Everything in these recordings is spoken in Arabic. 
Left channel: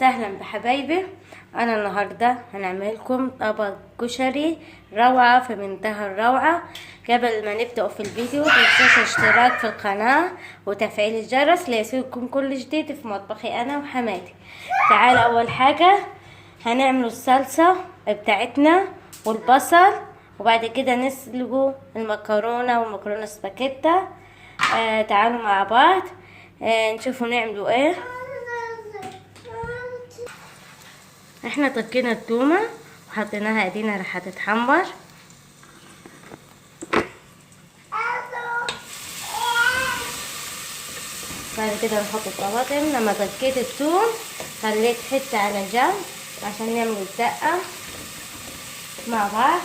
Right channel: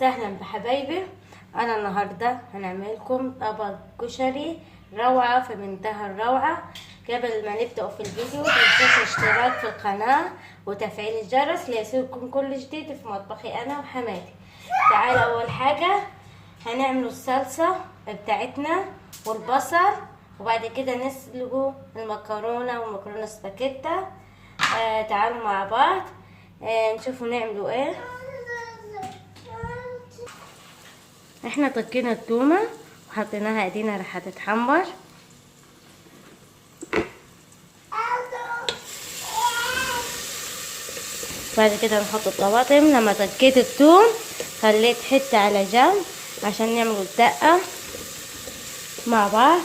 وسهلا بحبايبي. انا النهارده هنعمل لكم طبق كشري روعه في منتهى الروعه. قبل ما نبدأ في الفيديو متنسوش الاشتراك في القناه وتفعيل الجرس ليصلكم كل جديد في مطبخي انا وحماتي. تعال اول حاجه هنعمل الصلصه بتاعتنا والبصل، وبعد كده نسلقوا المكرونه والمكرونه سباكيتا. تعالوا مع بعض نشوفوا نعملوا ايه. احنا طكينا التومه وحطيناها ايدينا راح تتحمر. بعد كده نحط الطماطم. لما طكيت التوم خليت حته على جنب عشان نعمل الدقه مع بعض.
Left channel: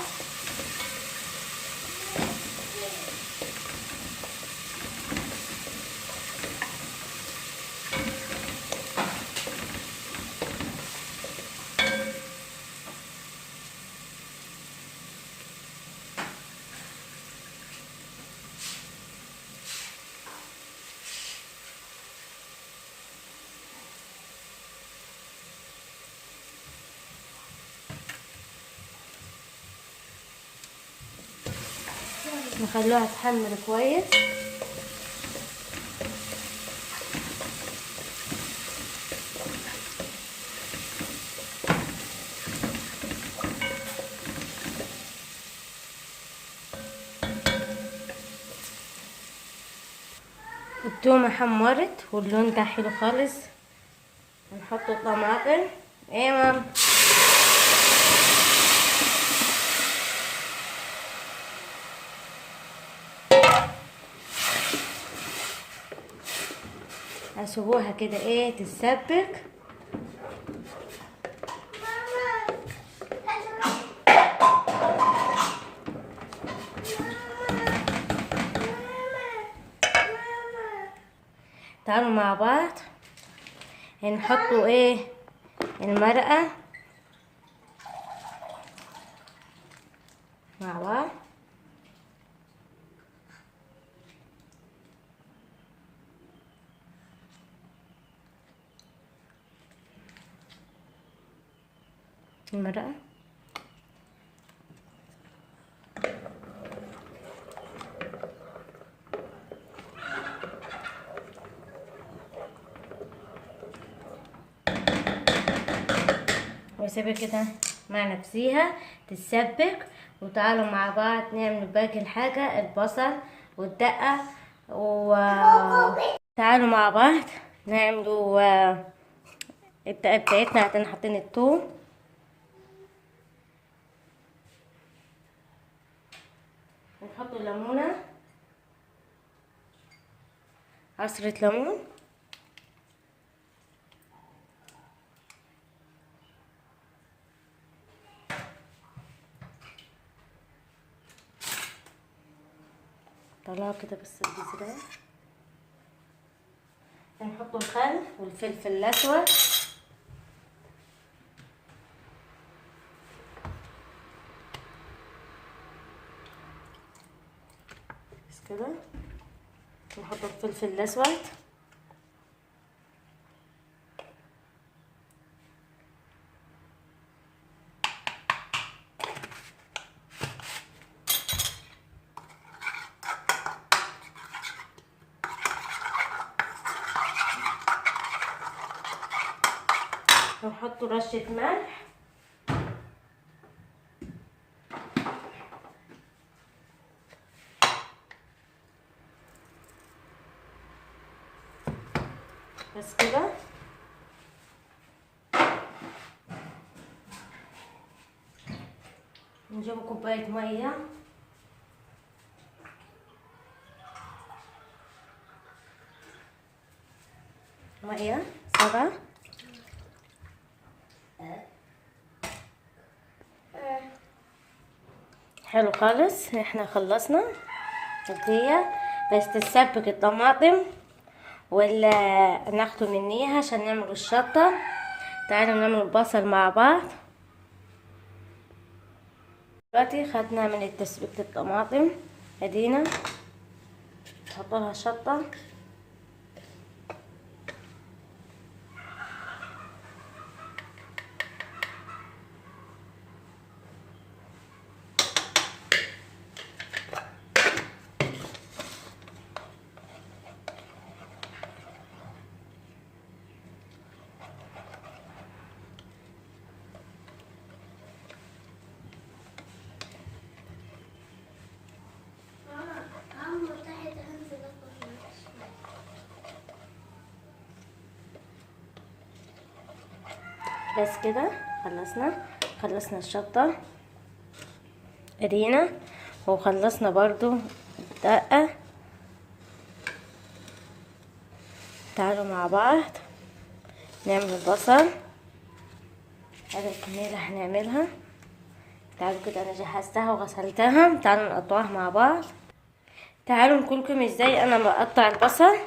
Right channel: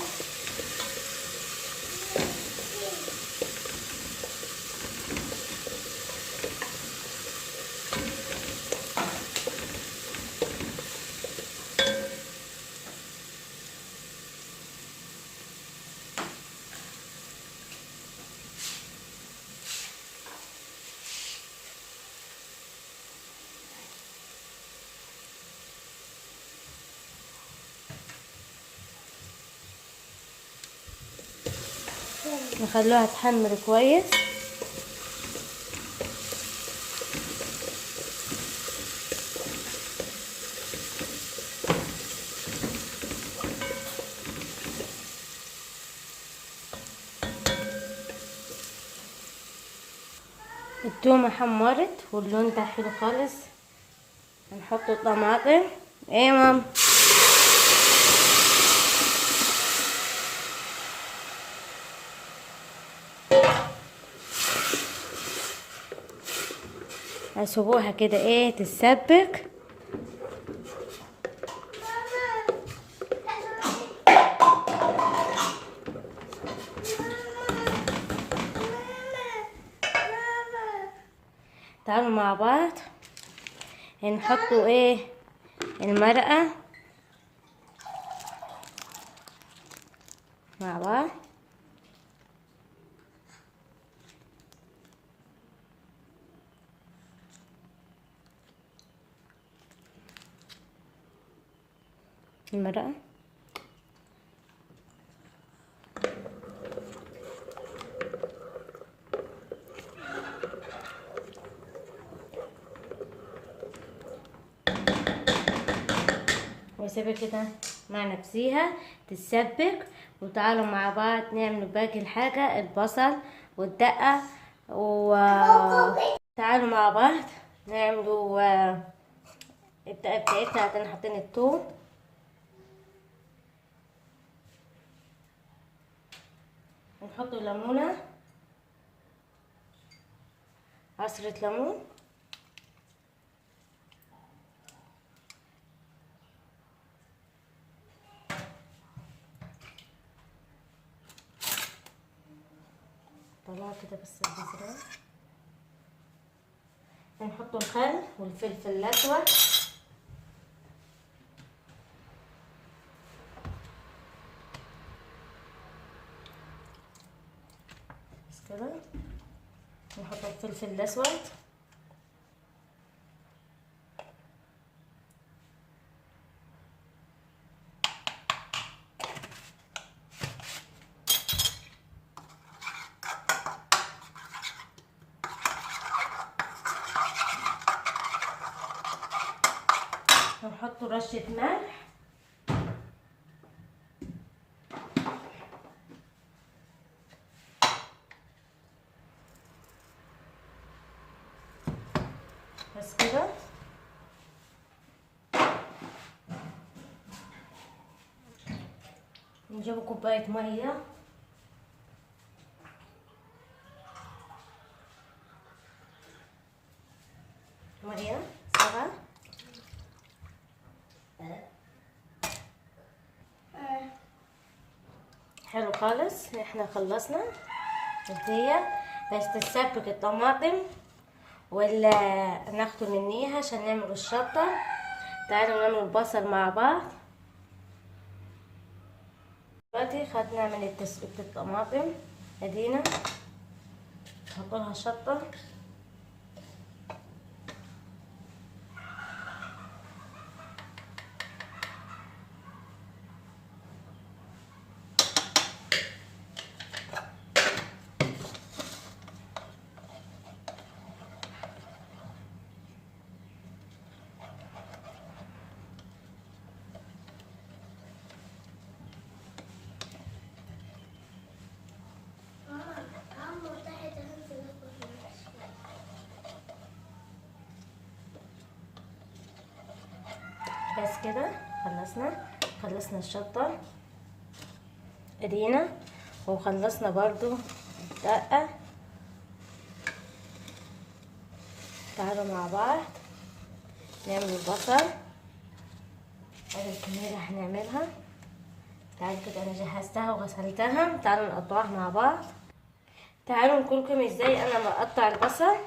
نخلوها تحمر كويس. التومة حمرت واللون بتاعها حلو خالص. هنحط الطماطم. ايه مام، هسيبوها كده ايه تتسبك. تعالوا مع بعض هنحطوا ايه المرقة مع بعض. المرقة واسيبها كده مع نفسيها تتسبك. وتعالوا مع بعض نعمل باقي الحاجة، البصل والدقة. وتعالوا مع بعض نعملوا الدقة بتاعتنا. عشان حاطين الثوم، نحط ليمونة، عصرة ليمون، طلعوا كده بس البذرة. نحط الخل والفلفل الأسود. بس كده نحط الفلفل الأسود. ونحط رشة ملح. بس كده نجيب كوباية مية. مية سبعة. حلو خالص، احنا خلصنا الدقيقة. بس تتسبك الطماطم ولا ناخده منيها عشان نعمل الشطة. تعالوا نعمل البصل مع بعض. دلوقتي خدنا من تسبيكة الطماطم، ادينا نحط لها شطة. بس كده خلصنا الشطة ادينا، وخلصنا برضو الدقة. تعالوا مع بعض نعمل البصل. هذا الكمية اللي هنعملها. تعالوا كده، انا جهزتها وغسلتها. تعالوا نقطعها مع بعض. تعالوا نقولكم ازاي انا بقطع البصل.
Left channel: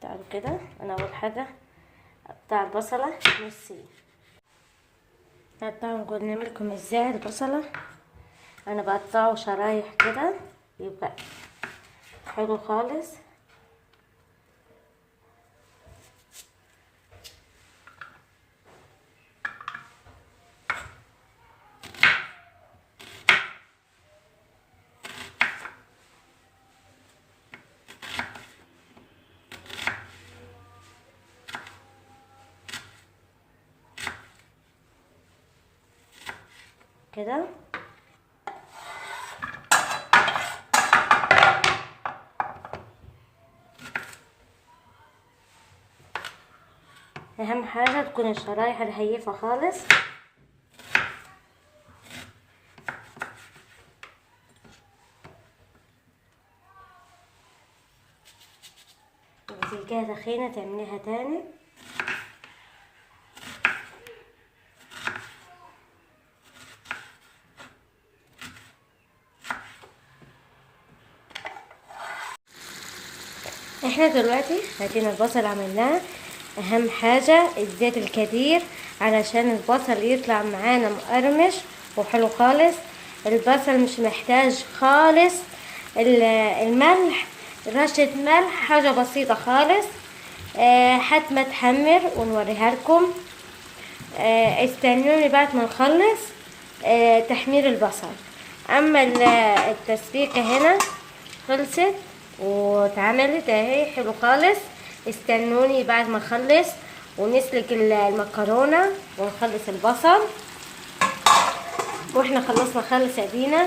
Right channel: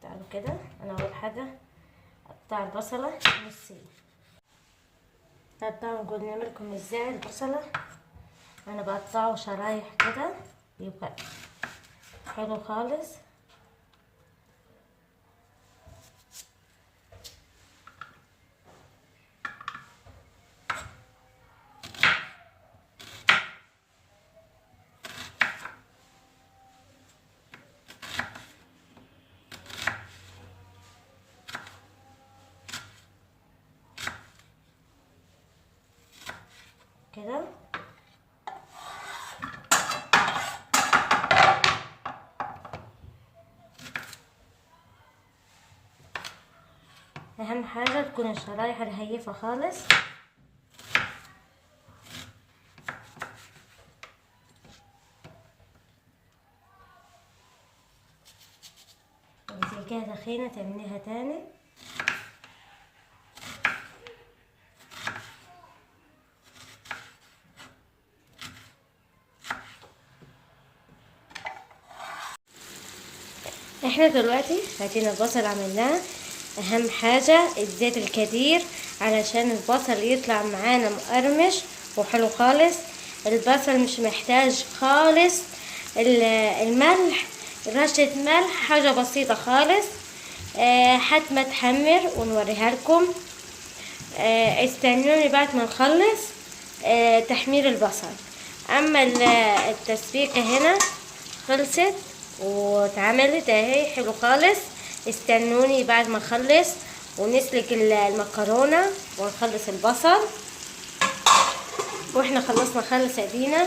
تعالوا كده، انا اول حاجه اقطع البصله نصين. تعالوا نقول نعملكم ازاي البصله. انا بقطعه شرايح كده يبقى حلو خالص. كده اهم حاجه تكون الشرايح رهيفه خالص. وتلقاها تخينه تعمليها تاني. احنا دلوقتي هاتينا البصل عملناه. اهم حاجة الزيت الكتير علشان البصل يطلع معانا مقرمش وحلو خالص. البصل مش محتاج خالص الملح، رشة ملح حاجة بسيطة خالص. حتى ما تحمر ونوريها لكم. استنوني بعد ما نخلص تحمير البصل. اما التسبيكة هنا خلصت واتعملت اهي حلو خالص. استنوني بعد ما نخلص ونسلق المكرونه ونخلص البصل. واحنا خلصنا خالص ادينا.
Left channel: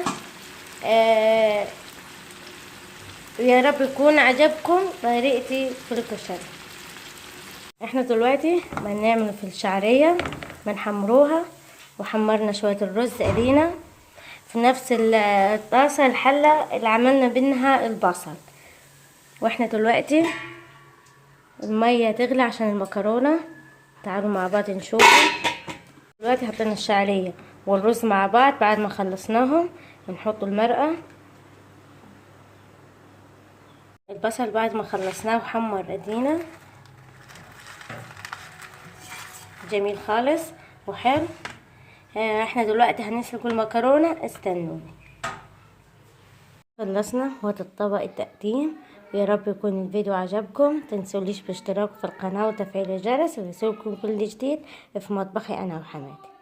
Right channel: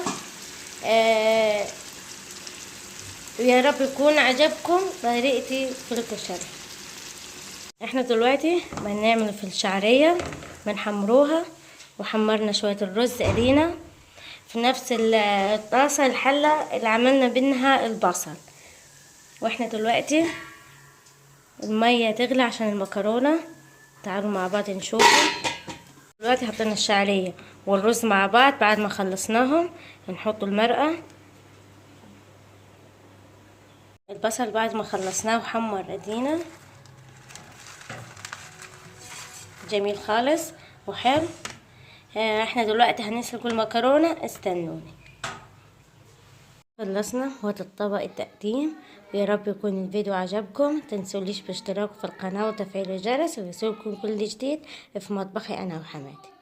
يا رب يكون عجبكم طريقتي في الكشري. احنا دلوقتي بنعمل في الشعريه بنحمروها، وحمرنا شويه الرز ادينا في نفس الطاسه الحله اللي عملنا منها البصل. واحنا دلوقتي المية تغلي عشان المكرونة. تعالوا مع بعض نشوف. دلوقتي حطينا الشعرية والرز مع بعض. بعد ما خلصناهم نحط المرقة. البصل بعد ما خلصناه وحمر ادينا جميل خالص وحلو. احنا دلوقتي هنسلق المكرونة. استنوني. خلصنا وهذا الطبق التقديم. يا رب يكون الفيديو عجبكم. تنسوليش باشتراك في القناة وتفعيل الجرس ليصلكم كل جديد في مطبخي انا وحماتي.